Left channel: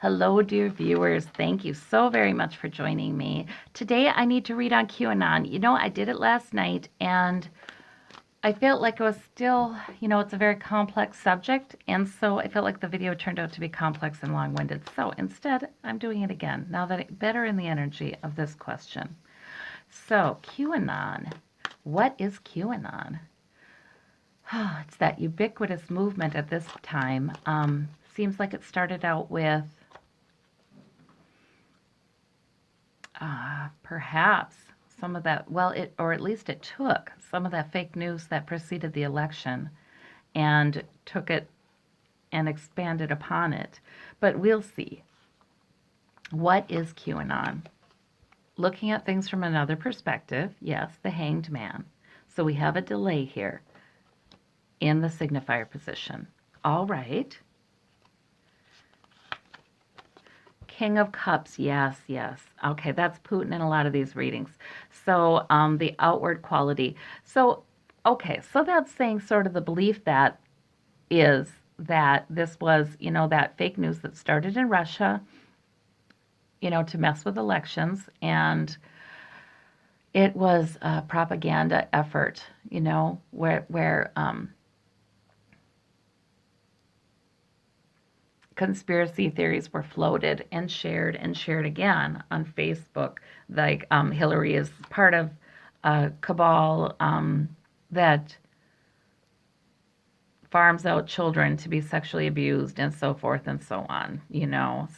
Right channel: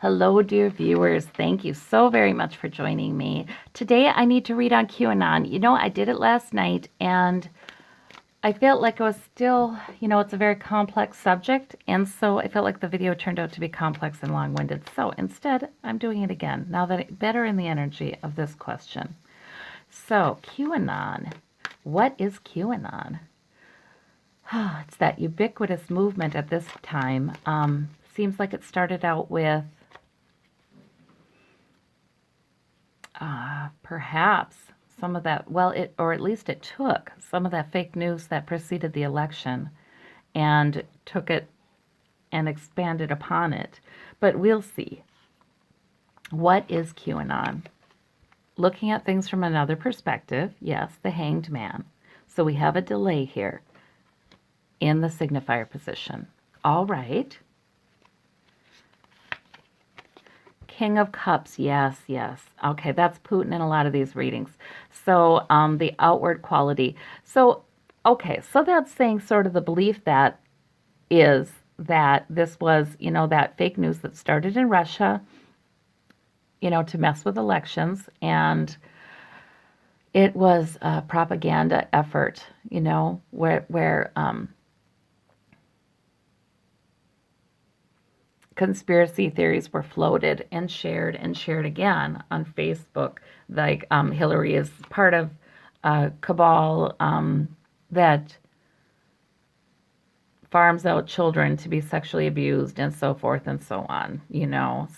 Hello, dear viewers. Thank you so very much for joining me. Today, I need to read on QAnon. I did it last night and I felt like it was still, it's a very complex subject. And so I felt like the video turned out to be complex and long winded. So instead, I'm doing it again now that I'm better in the energy of this question. So, QAnon. What is QAnon? It's that ubiquitous movement at this time. Seems like it started out with perhaps some of that, well, or at least it took some of that fake news that preceded the election and took it and expanded upon it. But we'll see. What is QAnon? Looking at things from another perspective, yes, the hanged man. So we have a delay here in the signifier position. All right. King of Cups, yes, yes. Okay, that's Putin in a lot of these readings. So the outward quality. So, okay, so that's saying sort of the belief that is that this was, that fake news that started in Russia, to mess with elections. And it was a propaganda effort, where conspiracy theories were floated and shared again on Facebook. Like Hillary is part of a cabal that farms out children to be sexually abused and so forth and so on.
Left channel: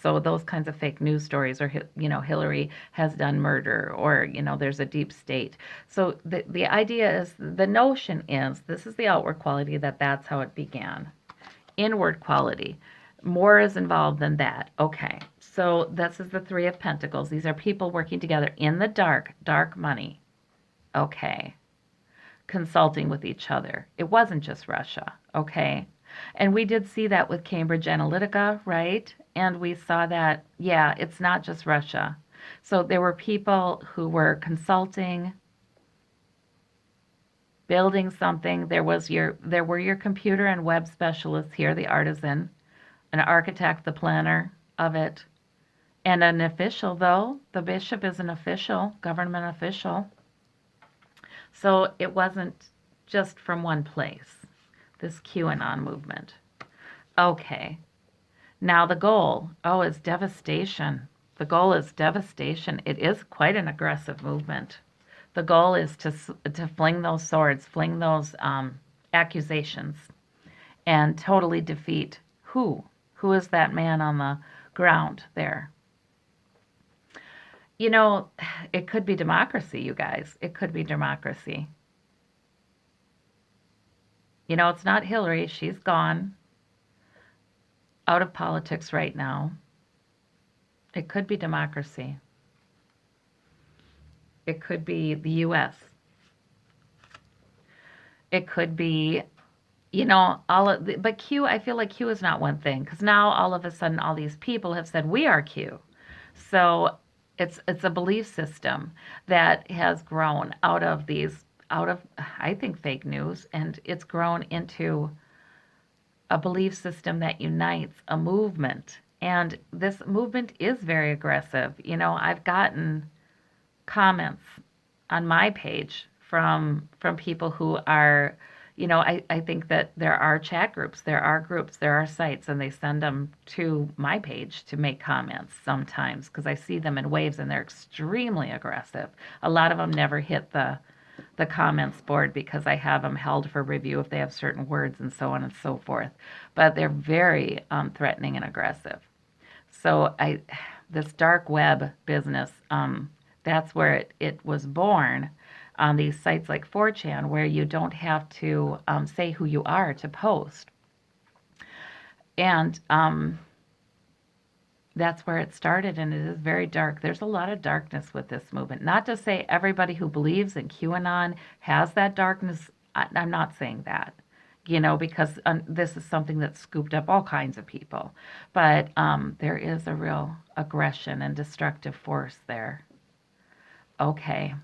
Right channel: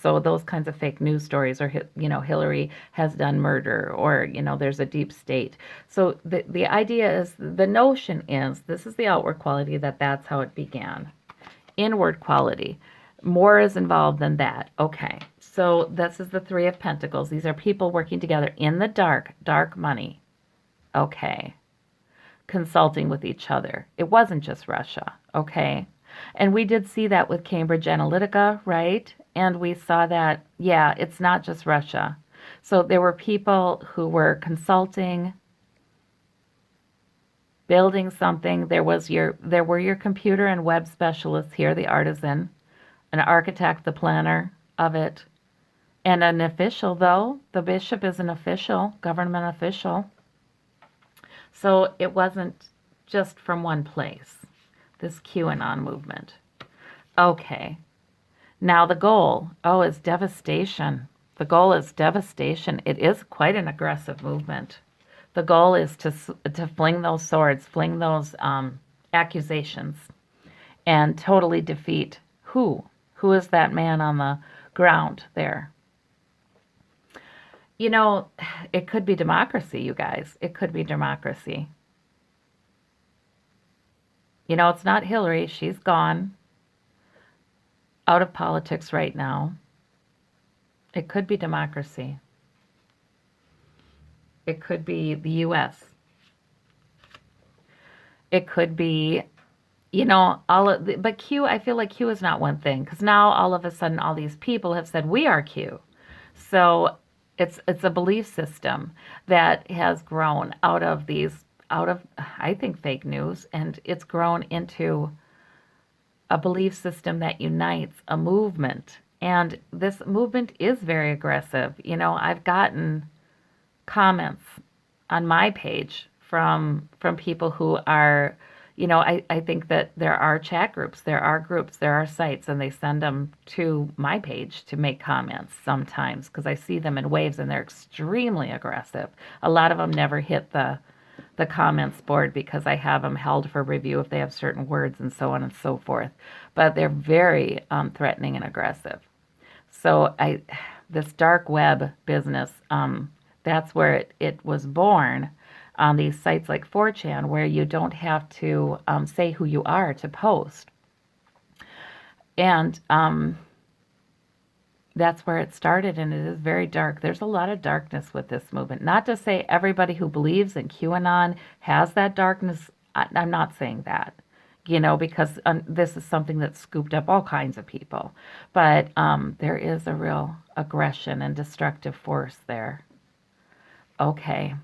So those kinds of fake news stories are, Hillary has done murder, or, there's a deep state. So the idea is, the notion is, this is the outward quality, that's how it began. Inward quality. More is involved than that. Okay. So this is the Three of Pentacles. These are people working together in the dark money. Okay. Consulting with each other. It wasn't just Russia. Okay. And we did see that with Cambridge Analytica, right? And we saw that, yeah, it's not just Russia. So there were people who were consulting, building something. There were your computer and web specialists here, the artisan, an architect, the planner of it, and an official, though. The bishop is an official, government official. So it wasn't just from one place, this QAnon movement. Okay. Now the goal, is devastation. The goal is devastation. It is quite an aggressive movement. The goal is to fling those swords, fling those accusations, and totally defeat who? Who is that man on the ground there? It could be democracy, you guys. It could be democracy. It's not Hillary. She's gone out of politics right now. It could be democracy. It could be the U.S. It could be, but Q, I feel like Q is not one thing, because now all of a sudden all these people have said we are Q. So it's a belief system that has grown out of I think, fake news, and it's grown into a belief system that unites a movement. And this movement is very aggressive. I've gotten comments on my page from people who are, I think that there are chat groups, there are groups, there are sites, and they send them to my page to make comments sometimes, because I see them in waves and they're extremely aggressive. A lot of them never hit the comments board because I have them held for review if they have certain words and so on and so forth. But they're very threatening and aggressive. So this dark web business, that's where it was born, on these sites like 4chan, where you don't have to say who you are to post. And that's where it started, and it is very dark. There's a lot of darkness with this movement. Not to say everybody who believes in QAnon has that darkness. I'm not saying that, because this is something that scooped up all kinds of people. But there is a real aggression and destructive force there. Okay.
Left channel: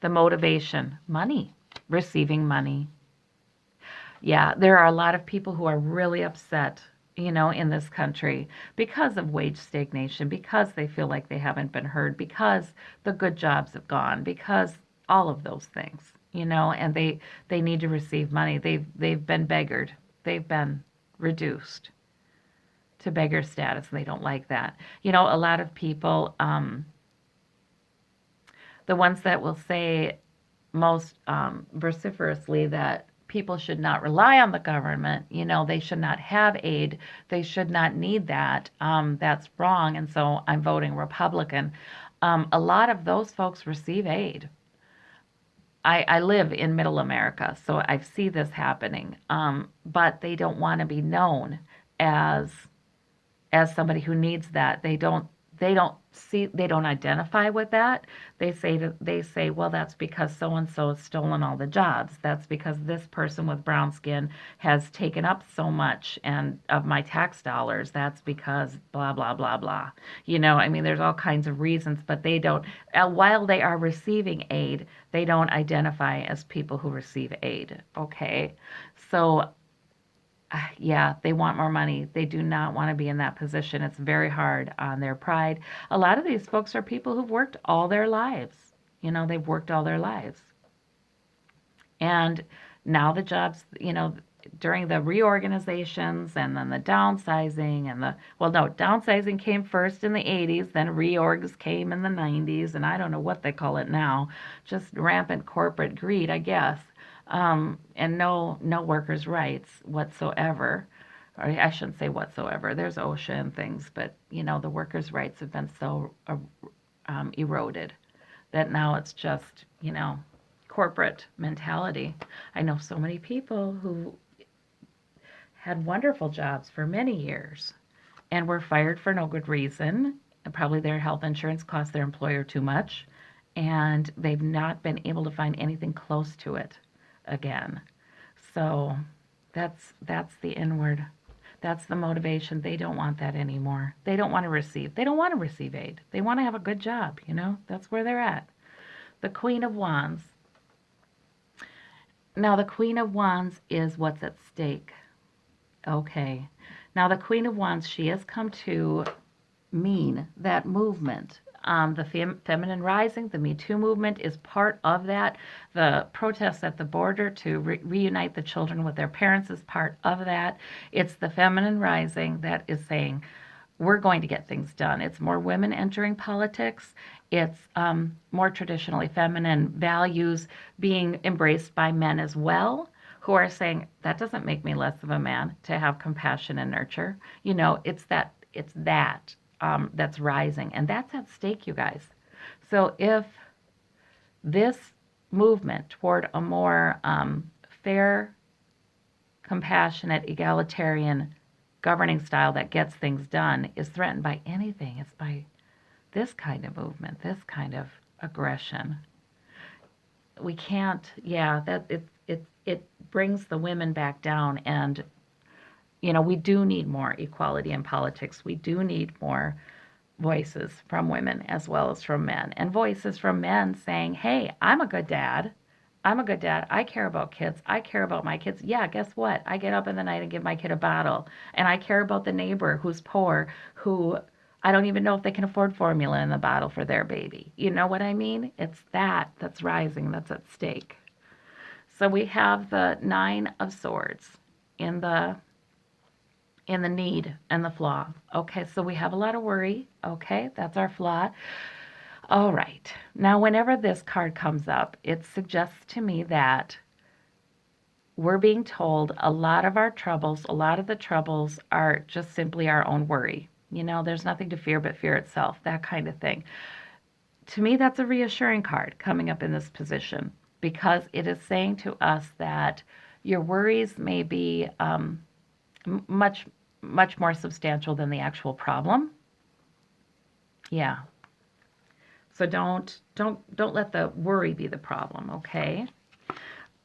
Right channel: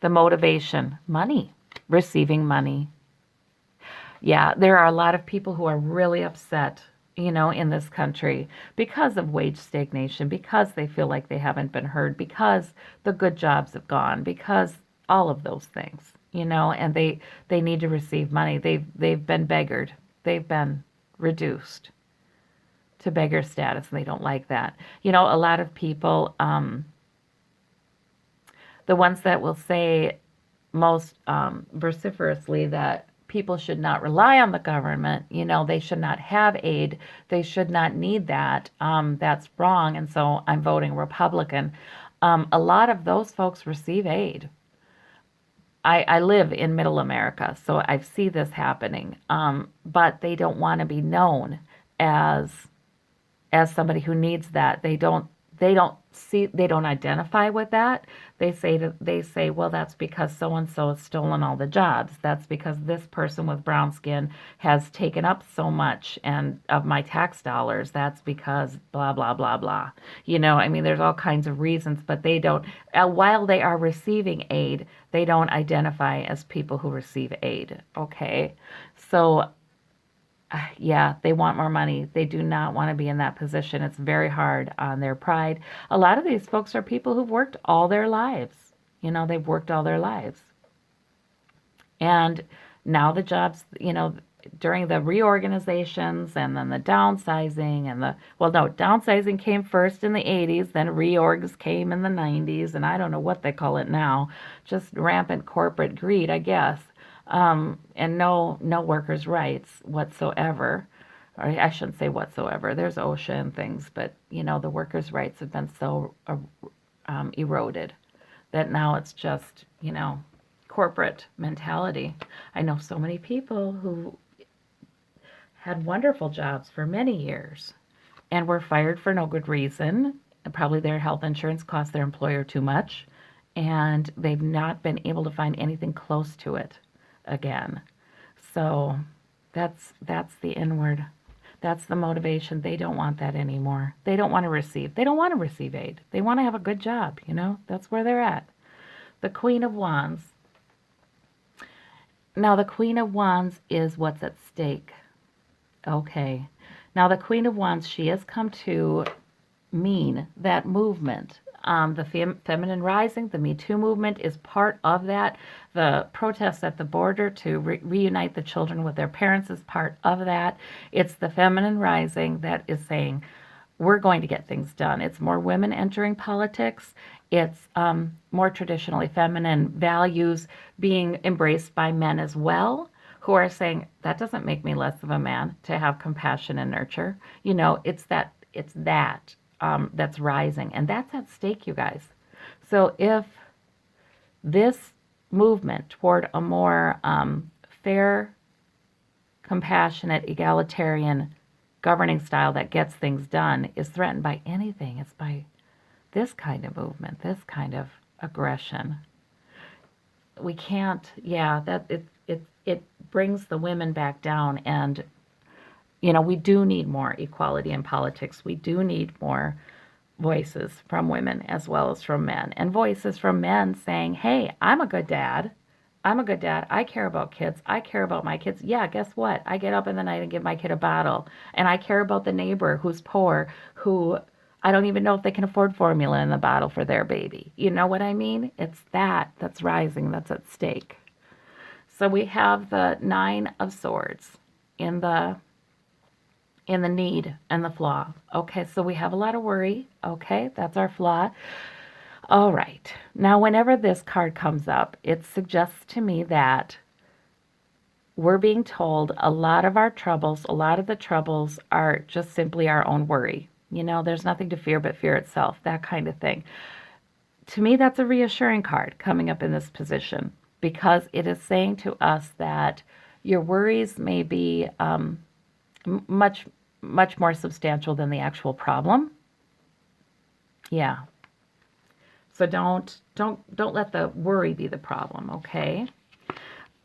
The motivation, money, receiving money. Yeah, there are a lot of people who are really upset in this country because of wage stagnation, because they feel like they haven't been heard, because the good jobs have gone, because all of those things, and they need to receive money. They've been beggared. They've been reduced to beggar status, and they don't like that. A lot of people, the ones that will say most vociferously that people should not rely on the government, they should not have aid, they should not need that. That's wrong, and so I'm voting Republican. A lot of those folks receive aid. I live in middle America, so I see this happening, but they don't want to be known as somebody who needs that. They don't identify with that. They say, well, that's because so and so has stolen all the jobs. That's because this person with brown skin has taken up so much and of my tax dollars. That's because blah blah blah blah. I mean, there's all kinds of reasons, but they don't. While they are receiving aid, they don't identify as people who receive aid. Okay, so yeah, they want more money. They do not want to be in that position. It's very hard on their pride. A lot of these folks are people who've worked all their lives. They've worked all their lives. And now the jobs, during the reorganizations and then the downsizing and well, no, downsizing came first in the 80s, then reorgs came in the 90s, and I don't know what they call it now. Just rampant corporate greed, I guess. And no workers' rights whatsoever. Or I shouldn't say whatsoever. There's OSHA and things, but the workers' rights have been so eroded that now it's just corporate mentality. I know so many people who had wonderful jobs for many years and were fired for no good reason. Probably their health insurance cost their employer too much, and they've not been able to find anything close to it again. So that's the inward. That's the motivation. They don't want that anymore. They don't want to receive. They don't want to receive aid. They want to have a good job, That's where they're at. The Queen of Wands. Now the Queen of Wands is what's at stake. Okay. Now the Queen of Wands, she has come to mean that movement. The feminine rising, the Me Too movement is part of that. The protests at the border to reunite the children with their parents is part of that. It's the feminine rising that is saying, we're going to get things done. It's more women entering politics. It's more traditionally feminine values being embraced by men as well, who are saying, that doesn't make me less of a man to have compassion and nurture. It's that that's rising, and that's at stake, you guys. So if this movement toward a more fair, compassionate, egalitarian governing style that gets things done is threatened by anything, it's by this kind of movement, this kind of aggression. We can't, yeah, that it brings the women back down, and we do need more equality in politics. We do need more voices from women as well as from men, and voices from men saying, hey, I'm a good dad. I'm a good dad. I care about kids. I care about my kids. Yeah, guess what? I get up in the night and give my kid a bottle. And I care about the neighbor who's poor, who I don't even know if they can afford formula in the bottle for their baby. You know what I mean? It's that's rising, that's at stake. So we have the Nine of Swords in the need and the flaw. Okay, so we have a lot of worry. Okay, that's our flaw. All right. Now, whenever this card comes up, it suggests to me that we're being told a lot of the troubles are just simply our own worry. There's nothing to fear but fear itself, that kind of thing. To me, that's a reassuring card coming up in this position, because it is saying to us that your worries may be much, much more substantial than the actual problem. Yeah. So don't let the worry be the problem, okay?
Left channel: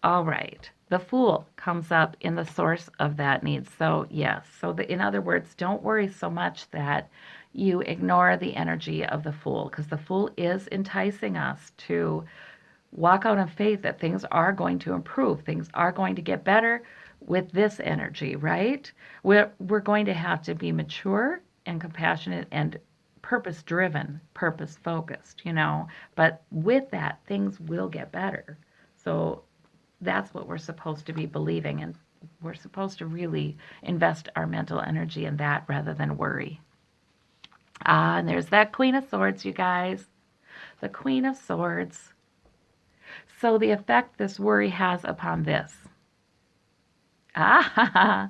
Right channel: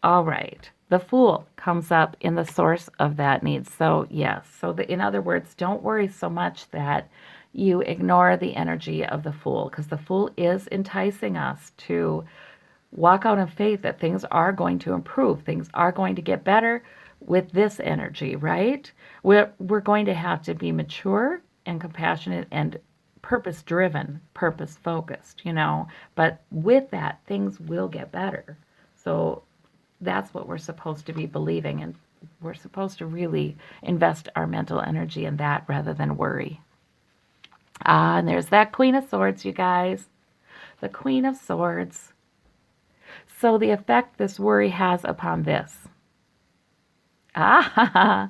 All right. The Fool comes up in the source of that need. So yes. So in other words, don't worry so much that you ignore the energy of the Fool, because the Fool is enticing us to walk out in faith that things are going to improve, things are going to get better, with this energy, right? We're going to have to be mature and compassionate and purpose driven, purpose focused, But with that, things will get better. So that's what we're supposed to be believing, and we're supposed to really invest our mental energy in that rather than worry. Ah, and there's that Queen of Swords, you guys. The Queen of Swords. So the effect this worry has upon this. Ah,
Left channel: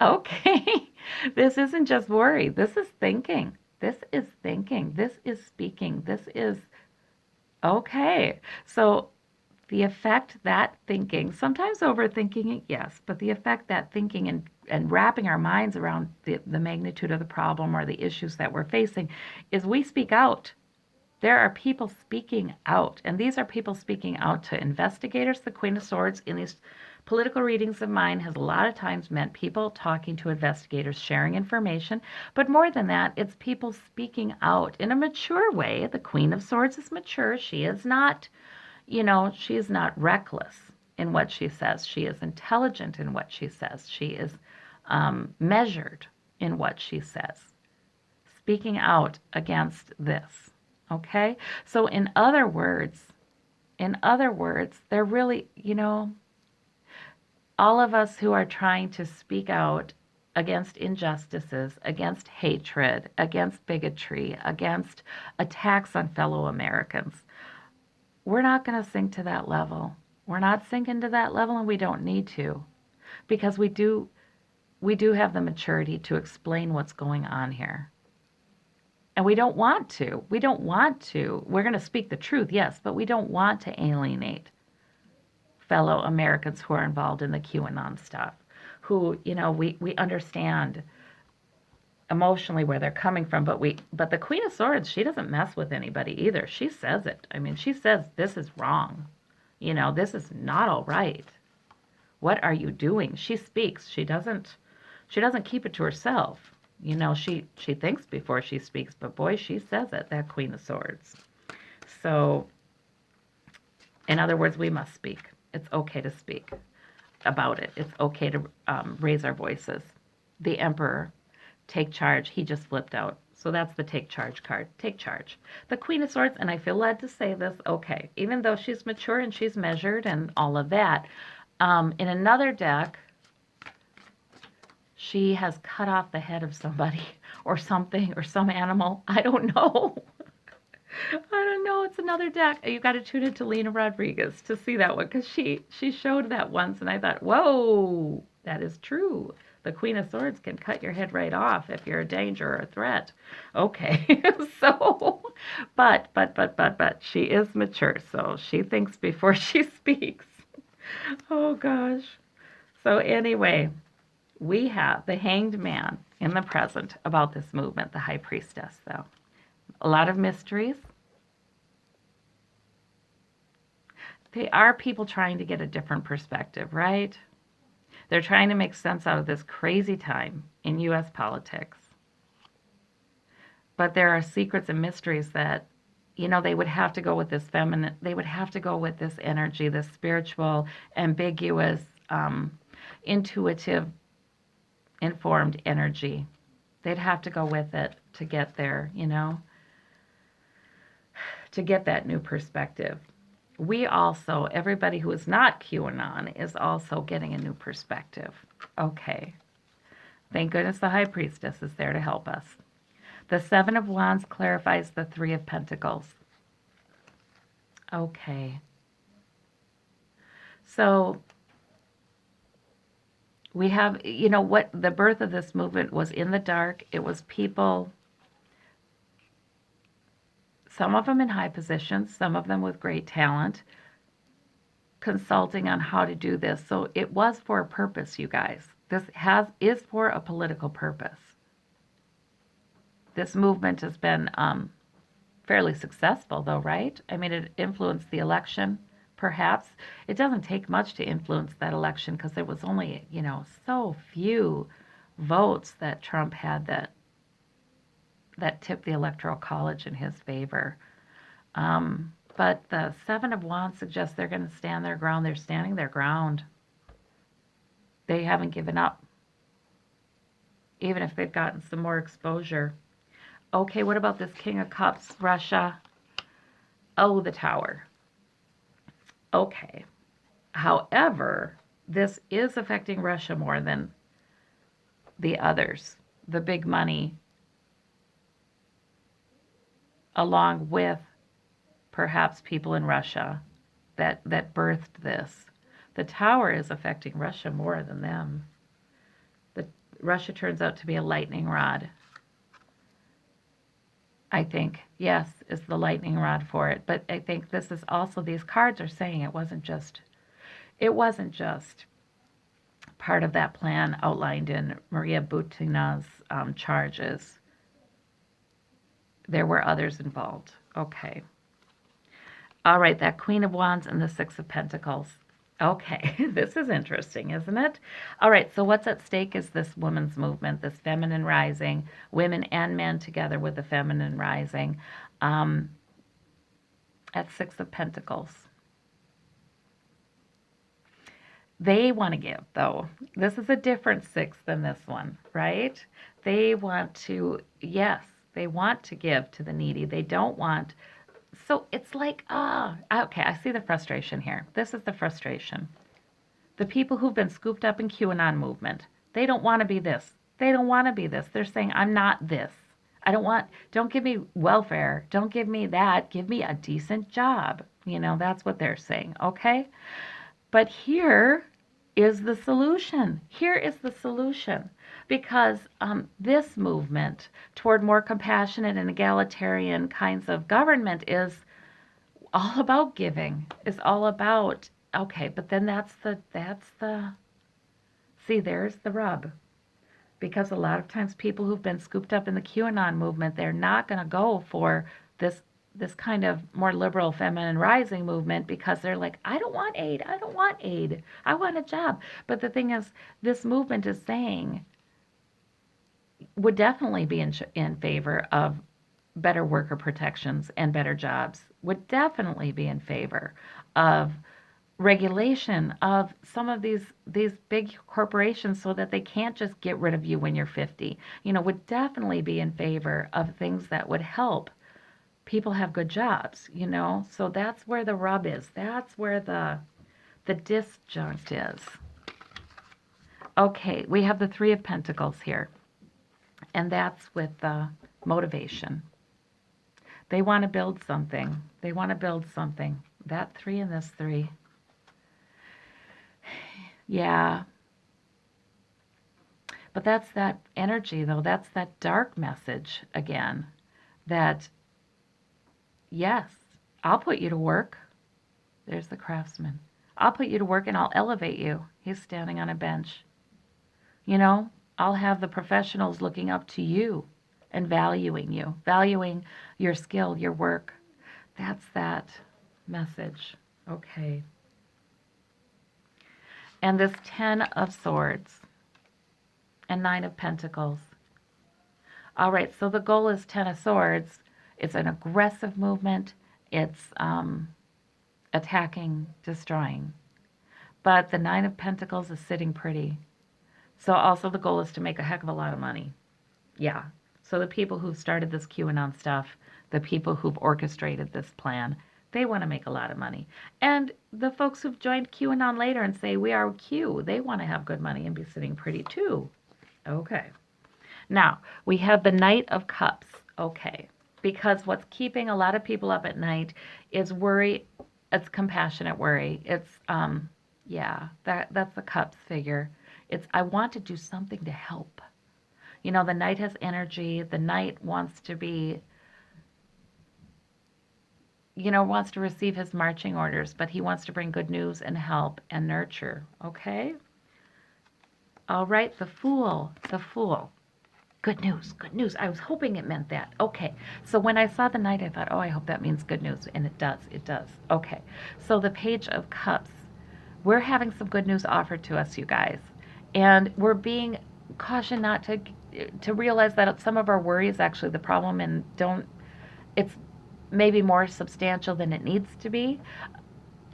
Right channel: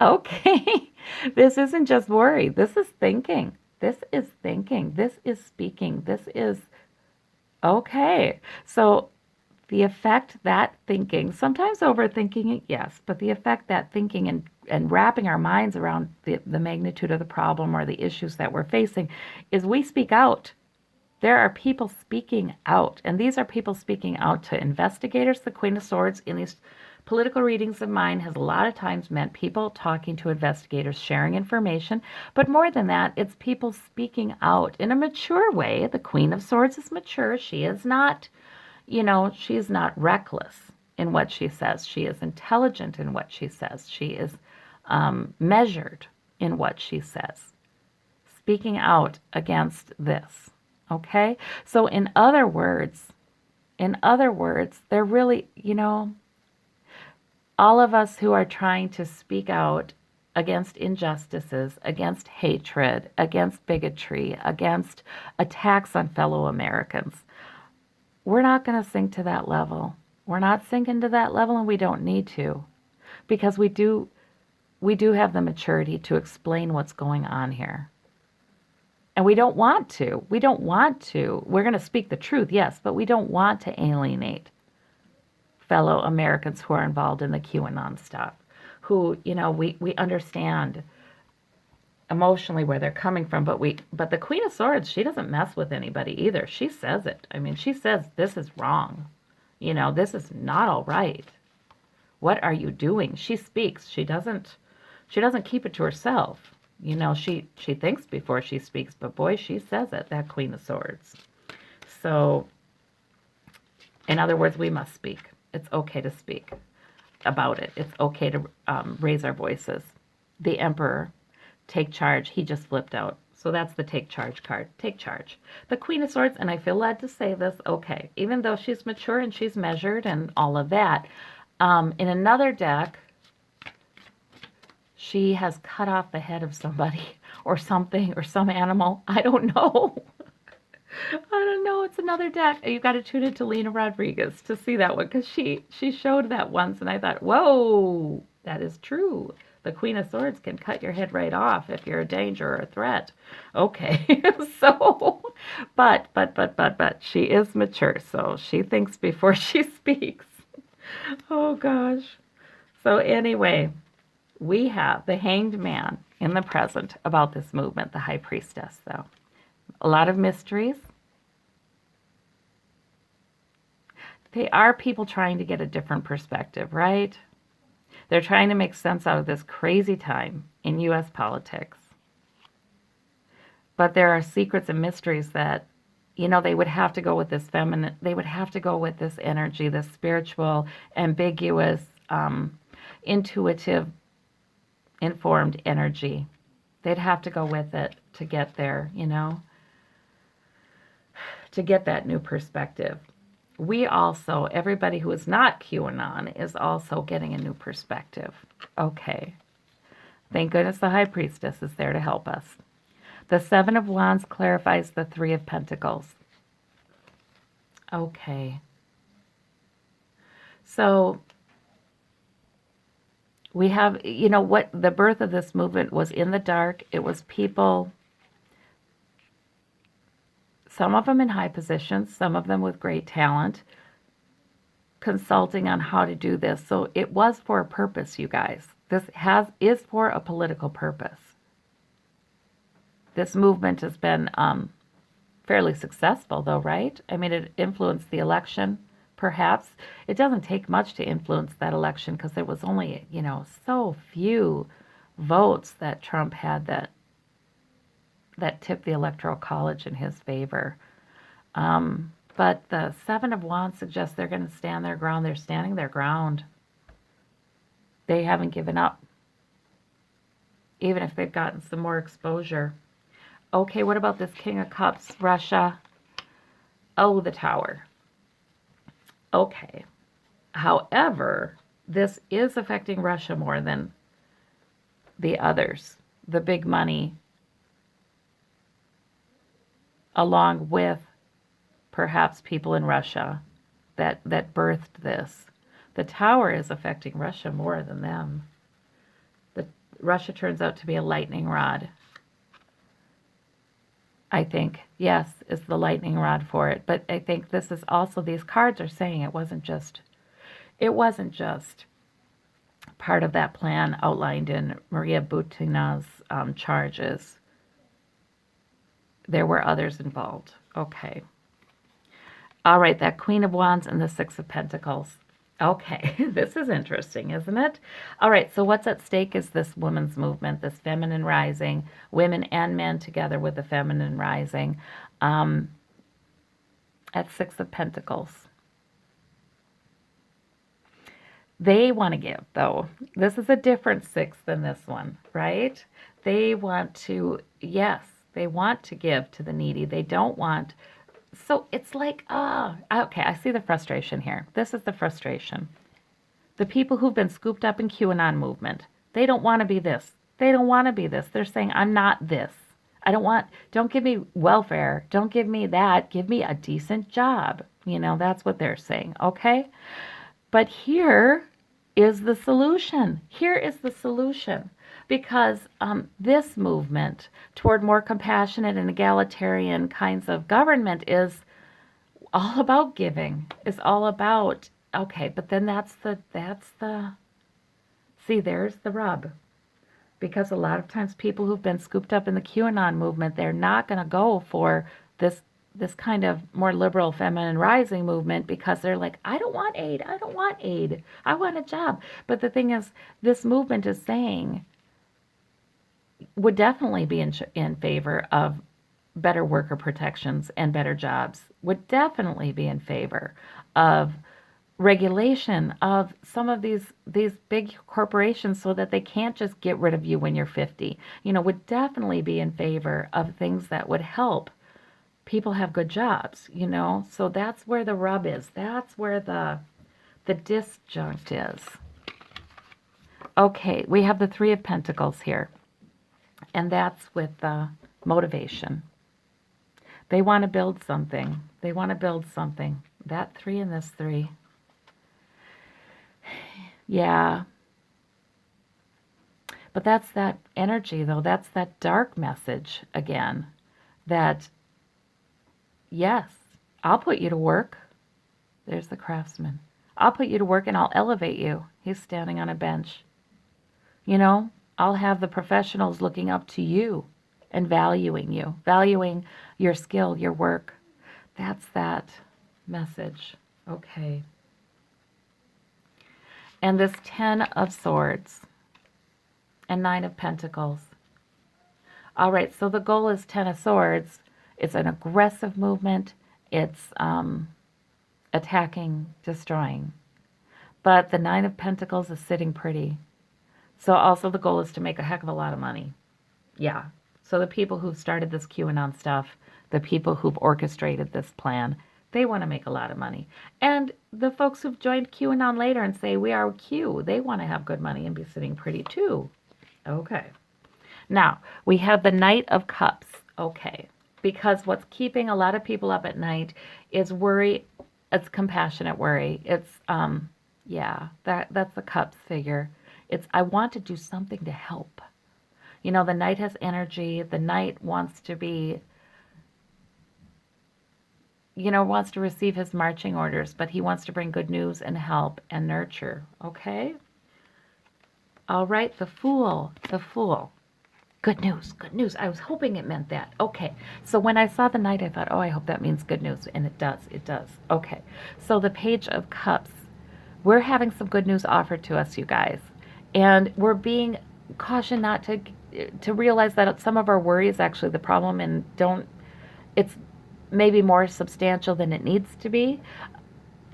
okay. This isn't just worry. This is thinking. This is thinking. This is speaking. This is okay. So the effect that thinking, sometimes overthinking it, yes, but the effect that thinking and wrapping our minds around the magnitude of the problem or the issues that we're facing is we speak out. There are people speaking out, and these are people speaking out to investigators. The Queen of Swords in these political readings of mine has a lot of times meant people talking to investigators, sharing information, but more than that, it's people speaking out in a mature way. The Queen of Swords is mature. She is not, she is not reckless in what she says. She is intelligent in what she says. She is measured in what she says, speaking out against this. Okay? So in other words, they're really, all of us who are trying to speak out against injustices, against hatred, against bigotry, against attacks on fellow Americans, we're not going to sink to that level. We're not sinking to that level, and we don't need to, because we do have the maturity to explain what's going on here. And we don't want to. We don't want to. We're going to speak the truth, yes, but we don't want to alienate fellow Americans who are involved in the QAnon stuff, who, we understand emotionally where they're coming from, but the Queen of Swords, she doesn't mess with anybody either. She says it. I mean, she says this is wrong. This is not all right. What are you doing? She speaks. She doesn't keep it to herself. She thinks before she speaks, but boy, she says it, that Queen of Swords. So, in other words, we must speak. It's okay to speak about it. It's okay to raise our voices. The Emperor, take charge. He just flipped out. So that's the take charge card. Take charge. The Queen of Swords, and I feel led to say this, okay, even though she's mature and she's measured and all of that, in another deck, she has cut off the head of somebody or something or some animal. I don't know. I don't know. It's another deck. You got to tune into Lena Rodriguez to see that one, because she showed that once, and I thought, whoa, that is true. The Queen of Swords can cut your head right off if you're a danger or a threat. Okay, so, but she is mature, so she thinks before she speaks. Oh gosh. So anyway, we have the Hanged Man in the present about this movement, the High Priestess, though. A lot of mysteries. They are people trying to get a different perspective, right? They're trying to make sense out of this crazy time in U.S. politics. But there are secrets and mysteries that, they would have to go with this feminine, they would have to go with this energy, this spiritual, ambiguous, intuitive, informed energy. They'd have to go with it to get there, to get that new perspective. We also, everybody who is not QAnon is also getting a new perspective. Okay. Thank goodness the High Priestess is there to help us. The Seven of Wands clarifies the Three of Pentacles. Okay. So we have, what the birth of this movement was in the dark. It was people, some of them in high positions, some of them with great talent, consulting on how to do this. So it was for a purpose, you guys. This is for a political purpose. This movement has been fairly successful, though, right? I mean, it influenced the election, perhaps. It doesn't take much to influence that election, because there was only, so few votes that Trump had that tipped the Electoral College in his favor. But the Seven of Wands suggests they're going to stand their ground. They're standing their ground. They haven't given up, even if they've gotten some more exposure. Okay, what about this King of Cups, Russia? Oh, the Tower. Okay. However, this is affecting Russia more than the others. The big money, along with perhaps people in Russia that birthed this. The Tower is affecting Russia more than them. The Russia turns out to be a lightning rod. I think, yes, is the lightning rod for it. But I think this is also, these cards are saying it wasn't just part of that plan outlined in Maria Butina's charges. There were others involved. Okay. All right, that Queen of Wands and the Six of Pentacles. Okay, this is interesting, isn't it? All right, so what's at stake is this women's movement, this feminine rising, women and men together with the feminine rising. Um, at Six of Pentacles. They want to give, though. This is a different six than this one, right? They want to, yes, they want to give to the needy. They don't want, so it's like, okay, I see the frustration here. This is the frustration. The people who've been scooped up in QAnon movement, they don't want to be this. They don't want to be this. They're saying, I'm not this. Don't give me welfare. Don't give me that. Give me a decent job. That's what they're saying. Okay. But here is the solution. Here is the solution. Because this movement toward more compassionate and egalitarian kinds of government is all about giving. It's all about, okay, but then see, there's the rub. Because a lot of times people who've been scooped up in the QAnon movement, they're not going to go for this kind of more liberal feminine rising movement because they're like, I don't want aid. I don't want aid. I want a job. But the thing is, this movement is saying, would definitely be in favor of better worker protections and better jobs, would definitely be in favor of regulation of some of these big corporations so that they can't just get rid of you when you're 50. Would definitely be in favor of things that would help people have good jobs. So that's where the rub is. That's where the disjunct is. Okay, we have the Three of Pentacles here. And that's with motivation. They want to build something. They want to build something. That three and this three. Yeah. But that's that energy, though. That's that dark message again. That, yes, I'll put you to work. There's the craftsman. I'll put you to work and I'll elevate you. He's standing on a bench. I'll have the professionals looking up to you and valuing your skill, your work. That's that message. Okay. And this 10 of Swords and 9 of Pentacles. All right, so the goal is 10 of Swords. It's an aggressive movement. It's attacking, destroying. But the 9 of Pentacles is sitting pretty. So also the goal is to make a heck of a lot of money. Yeah. So the people who've started this QAnon stuff, the people who've orchestrated this plan, they want to make a lot of money. And the folks who've joined QAnon later and say, we are Q, they want to have good money and be sitting pretty too. Okay. Now, we have the Knight of Cups. Okay. Because what's keeping a lot of people up at night is worry. It's compassionate worry. It's, that's the Cups figure. It's, I want to do something to help. The Knight has energy. The Knight wants to be, wants to receive his marching orders, but he wants to bring good news and help and nurture. Okay? All right, the Fool. The Fool. Good news, good news. I was hoping it meant that. Okay, so when I saw the Knight, I thought, oh, I hope that means good news. And it does, it does. Okay, so the Page of Cups. We're having some good news offered to us, you guys. And we're being cautioned not to realize that some of our worry is actually the problem and it's maybe more substantial than it needs to be.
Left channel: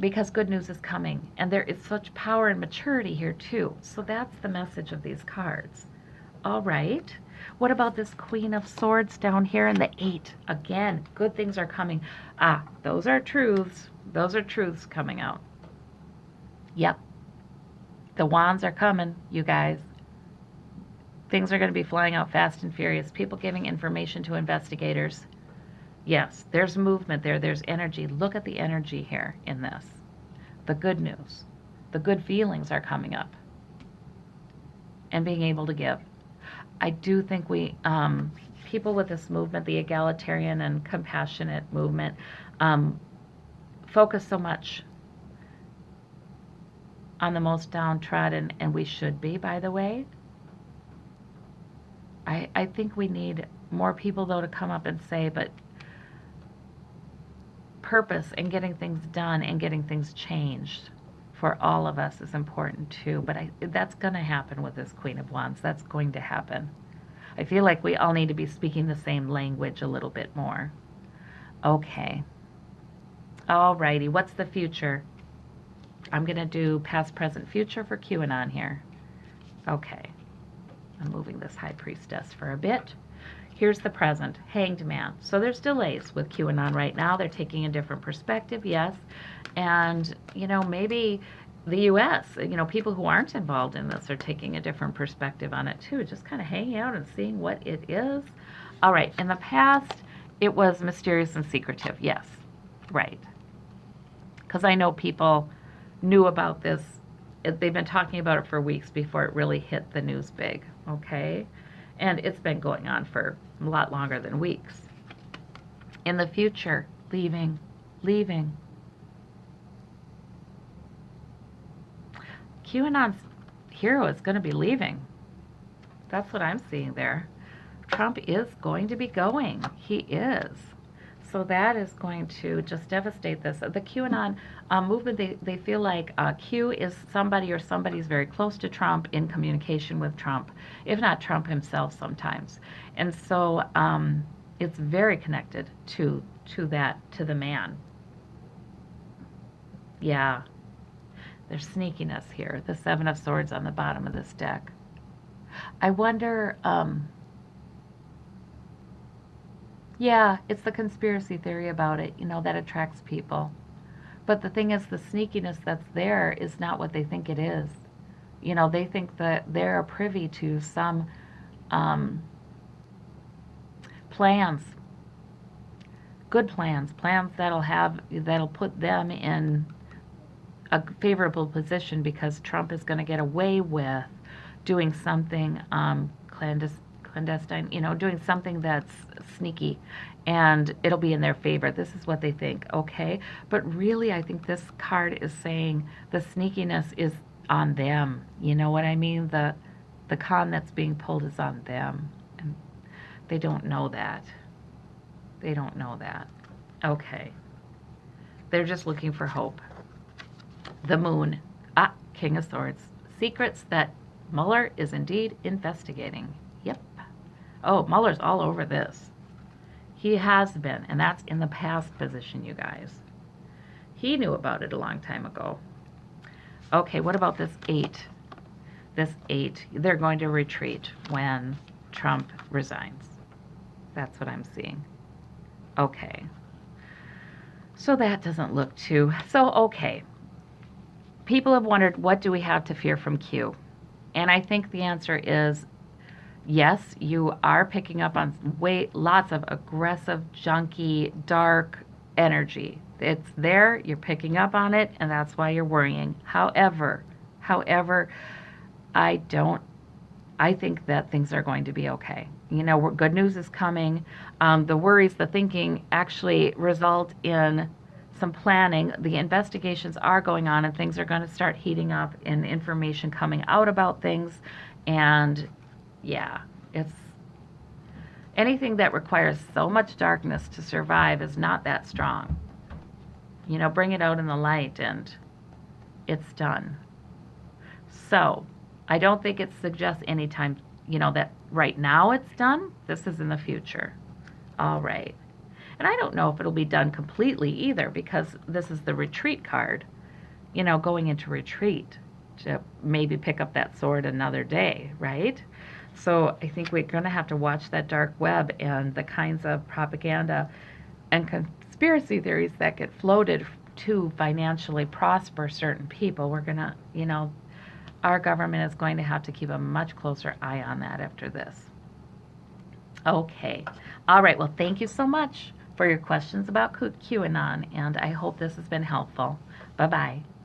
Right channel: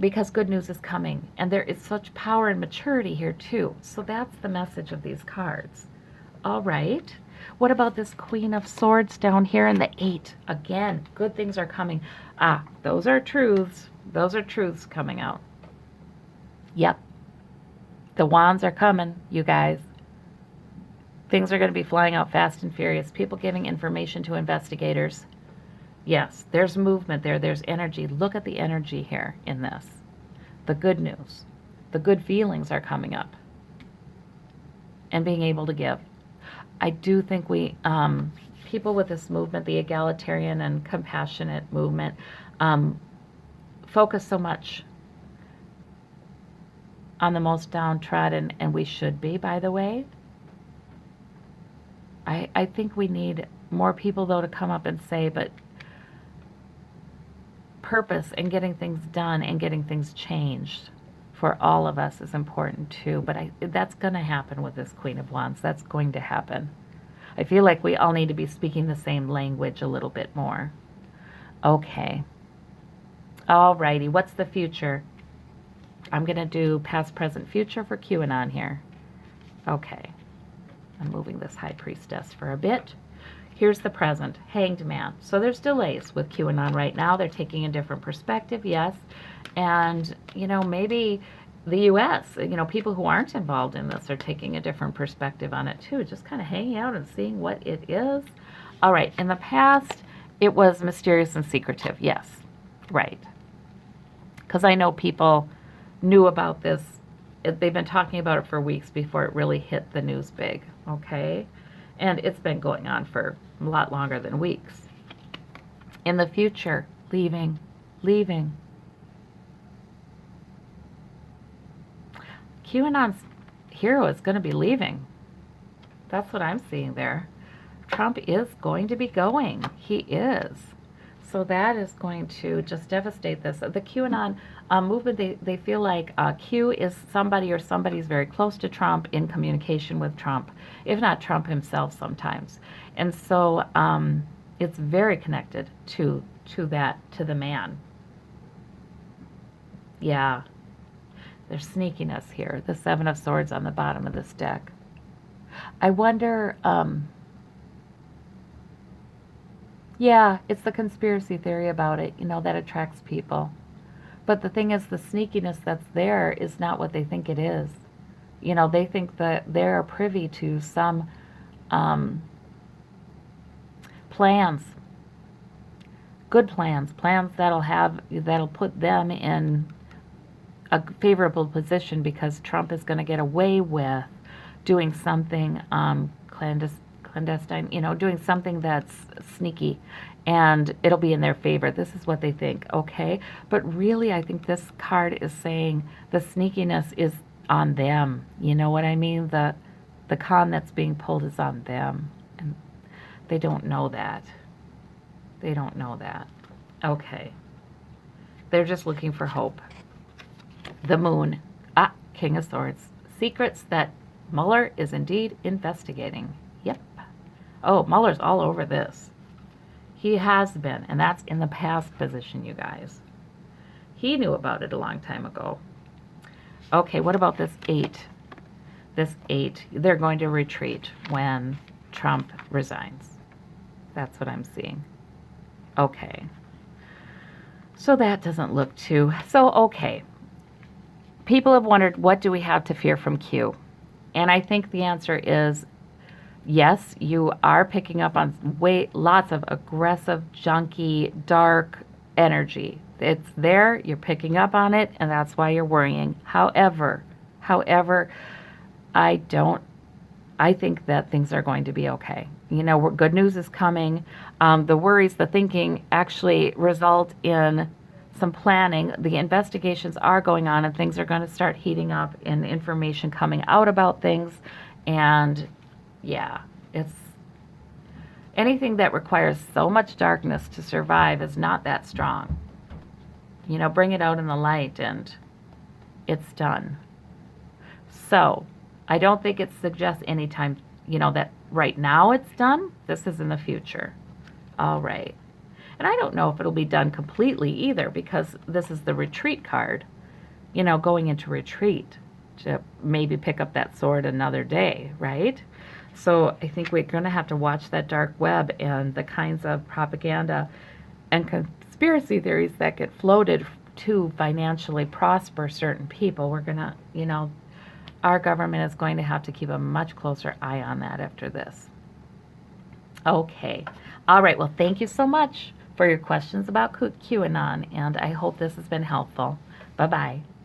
because good news is coming. And there is such power and maturity here, too. So that's the message of these cards. All right. What about this Queen of Swords down here in the 8? Again, good things are coming. Ah, those are truths. Those are truths coming out. Yep. The wands are coming, you guys. Things are going to be flying out fast and furious. People giving information to investigators. Yes, there's movement there. There's energy. Look at the energy here in this. The good news. The good feelings are coming up. And being able to give. I do think people with this movement, the egalitarian and compassionate movement, focus so much on the most downtrodden, and we should be, by the way. I think we need more people, though, to come up and say, but purpose and getting things done and getting things changed for all of us is important, too. But that's going to happen with this Queen of Wands. That's going to happen. I feel like we all need to be speaking the same language a little bit more. Okay. Alrighty, what's the future? I'm going to do past, present, future for QAnon here. Okay. I'm moving this High Priestess for a bit. Here's the present, Hanged Man. So there's delays with QAnon right now. They're taking a different perspective, yes. And, maybe the U.S., people who aren't involved in this are taking a different perspective on it too, just kind of hanging out and seeing what it is. All right, in the past, it was mysterious and secretive, yes, right. Because I know people knew about this. They've been talking about it for weeks before it really hit the news big, okay? And it's been going on for a lot longer than weeks. In the future, leaving. QAnon's hero is going to be leaving. That's what I'm seeing there. Trump is going to be going. He is. So that is going to just devastate this. The QAnon movement, they feel like Q is somebody or somebody's very close to Trump, in communication with Trump, if not Trump himself sometimes. And so it's very connected to the man. Yeah. There's sneakiness here. The Seven of Swords on the bottom of this deck. I wonder, yeah, it's the conspiracy theory about it, that attracts people. But the thing is, the sneakiness that's there is not what they think it is. They think that they're privy to some plans, good plans that'll put them in a favorable position, because Trump is going to get away with doing something clandestine, doing something that's sneaky, and it'll be in their favor. This is what they think, okay? But really, I think this card is saying the sneakiness is on them. You know what I mean? The con that's being pulled is on them, and they don't know that. They don't know that. Okay. They're just looking for hope. The Moon. King of Swords. Secrets that Mueller is indeed investigating. Yep. Oh, Mueller's all over this. He has been, and that's in the past position, you guys. He knew about it a long time ago. Okay, what about this 8? This 8, they're going to retreat when Trump resigns. That's what I'm seeing. Okay. So that doesn't look too... So, okay. People have wondered, what do we have to fear from Q? And I think the answer is yes, you are picking up on lots of aggressive, junky, dark energy. It's there, you're picking up on it, and that's why you're worrying. However, I think that things are going to be okay. Good news is coming. The worries, the thinking actually result in some planning. The investigations are going on, and things are going to start heating up, and information coming out about things. And yeah, it's anything that requires so much darkness to survive is not that strong. Bring it out in the light, and it's done. So I don't think it suggests anytime, that right now it's done. This is in the future. All right. And I don't know if it'll be done completely either because this is the retreat card, going into retreat to maybe pick up that sword another day, right? So I think we're going to have to watch that dark web and the kinds of propaganda and conspiracy theories that get floated to financially prosper certain people. We're going to, our government is going to have to keep a much closer eye on that after this. Okay. All right. Well, thank you so much for your questions about QAnon, and I hope this has been helpful. Bye bye.